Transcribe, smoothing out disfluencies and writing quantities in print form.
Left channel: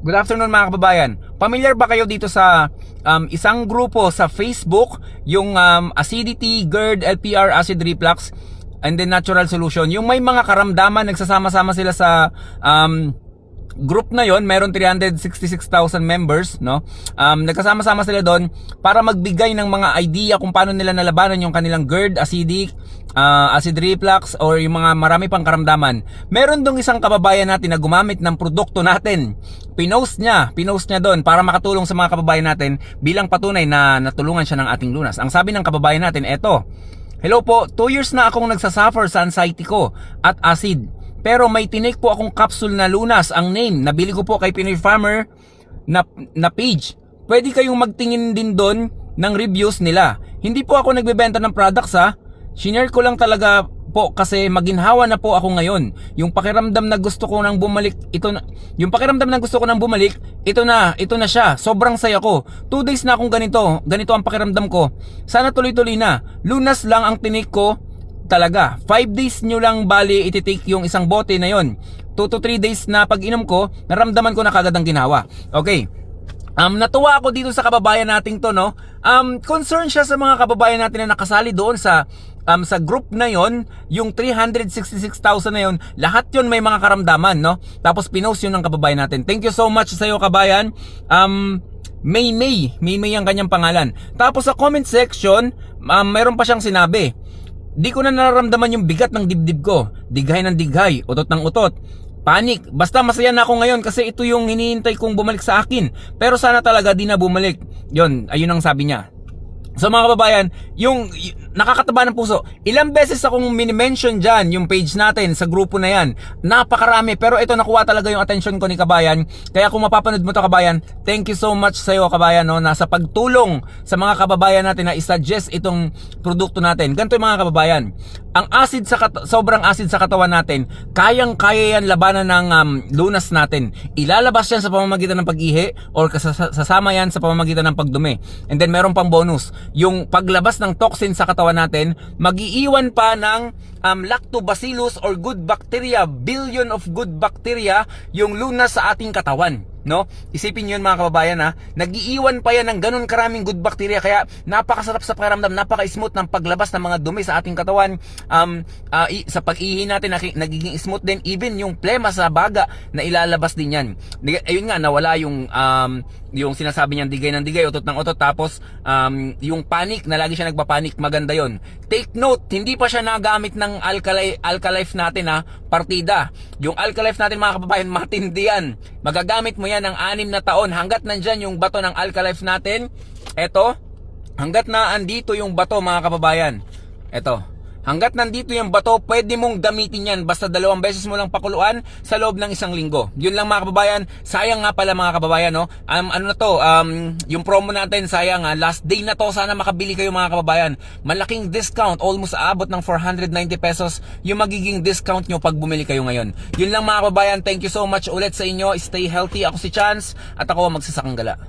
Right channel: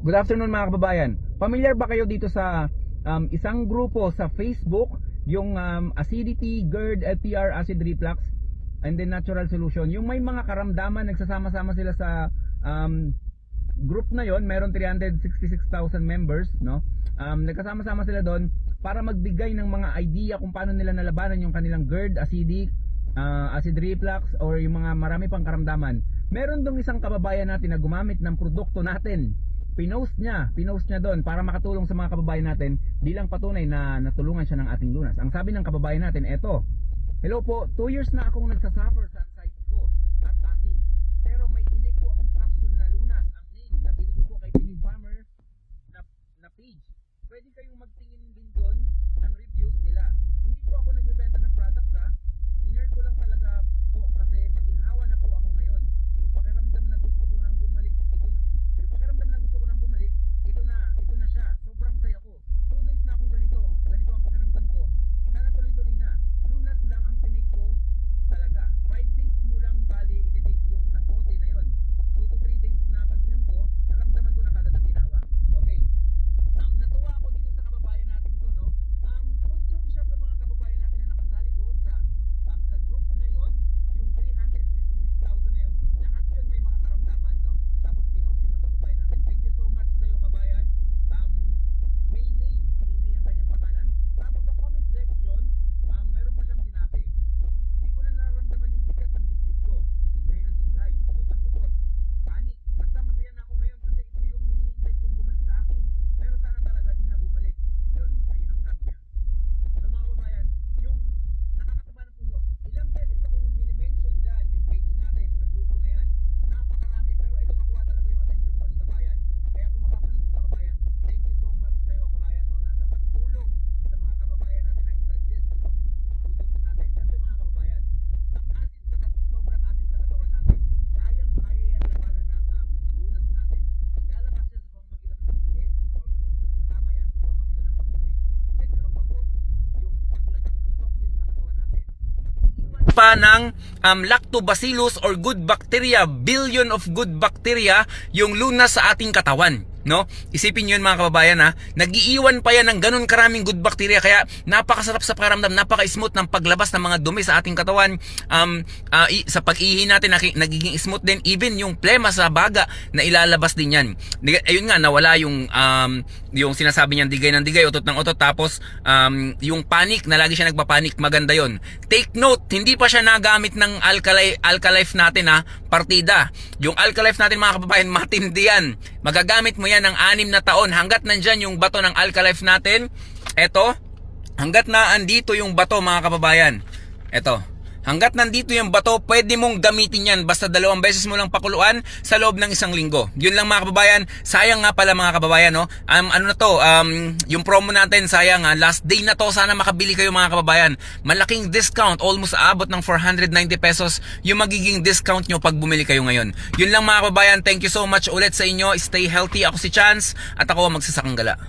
Good afternoon mga kababayan. Familiar ba kayo dito sa isang grupo sa Facebook, yung acidity, GERD, LPR, acid reflux, and then natural solution. Yung may mga karamdaman, nagsasama-sama sila sa group na yon, meron 366,000 members, no? Nagkasama-sama sila doon para magbigay ng mga idea kung paano nila nalabanan yung kanilang GERD, acidic, acid reflux, or yung mga marami pang karamdaman. Meron dong isang kababayan natin na gumamit ng produkto natin. Pinost niya doon para makatulong sa mga kababayan natin bilang patunay na natulungan siya ng ating lunas. Ang sabi ng kababayan natin, eto: "Hello po, 2 years na akong nagsasuffer sa anxiety ko at acid. Pero may tinake po akong capsule na lunas, ang name. Nabili ko po kay Pinoy Farmer na page. Pwede kayong magtingin din doon ng reviews nila. Hindi po ako nagbebenta ng products ha. Shinare ko lang talaga po kasi maginhawa na po ako ngayon. Yung pakiramdam na gusto ko nang bumalik, ito na siya. Sobrang saya ko. 2 days na akong ganito ang pakiramdam ko. Sana tuloy-tuloy na. Lunas lang ang tinake ko talaga. 5 days nyo lang bali ititake yung isang bote na yon. 2 to 3 days na pag inom ko, naramdaman ko na kagad ang ginawa." Okay. Natuwa ako dito sa kababayan nating to, no? Concern siya sa mga kababayan natin na nakasali doon sa group na yon, yung 366,000 na yon, lahat yon may mga karamdaman, no? Tapos pinost yun ng kababayan natin. Thank you so much sa iyo, kabayan. May ang kanyang pangalan. Tapos sa comment section, meron pa siyang sinabi: "Di ko na nararamdaman yung bigat ng dibdib ko. Dighay ng dighay, utot ng utot. Panic. Basta masaya na ako ngayon kasi ito yung hinihintay kong bumalik sa akin. Pero sana talaga di na bumalik." Yun, ayun ang sabi niya. So mga kababayan, yung nakakataba ng puso. Ilang beses akong mini-mention dyan yung page natin sa grupo na yan. Napakarami, pero ito nakuha talaga yung attention ko ni kabayan. Kaya kung mapapanood mo to, kabayan, thank you so much sa iyo, kabayan, no, na sa pagtulong sa mga kababayan natin na isuggest itong produkto natin. Ganito yung mga kababayan, ang acid sobrang acid sa katawan natin, kayang-kaya yan labanan ng lunas natin. Ilalabas yan sa pamamagitan ng pag-ihi or sasama yan sa pamamagitan ng pagdumi. And then meron pang bonus, yung paglabas ng toxin sa katawan natin, mag-iiwan pa ng lactobacillus or good bacteria, billion of good bacteria yung lunas sa ating katawan, no? Isipin niyo yun mga kababayan, ha. Nag-iiwan pa yan ng ganun karaming good bacteria, kaya napakasarap sa pakiramdam, napaka-smooth ng paglabas ng mga dumi sa ating katawan. Sa pag-ihi natin nagiging smooth din, even yung plema sa baga na ilalabas din yan. Ayun nga, nawala yung sinasabi niyan, digay ng digay, utot ng utot. Tapos yung panic, na lagi siya nagpapanik, maganda yon. Take note, hindi pa siya nagamit ng Alkalife natin, ha, partida. Yung Alkalife natin mga kababayan, matindi yan. Magagamit mo yan ng 6 na taon hanggat nandyan yung bato ng Alkalife natin. Eto, hanggat na andito yung bato mga kababayan, eto, hanggat nandito yung bato, pwede mong gamitin yan. Basta 2 beses mo lang pakuluan sa loob ng 1 linggo. Yun lang mga kababayan. Sayang nga pala mga kababayan, no? Ano na to, yung promo natin, sayang ha. Last day na to. Sana makabili kayo mga kababayan. Malaking discount. Almost aabot ng 490 pesos yung magiging discount nyo pag bumili kayo ngayon. Yun lang mga kababayan. Thank you so much ulit sa inyo. Stay healthy. Ako si Chance at ako magsasakang gala.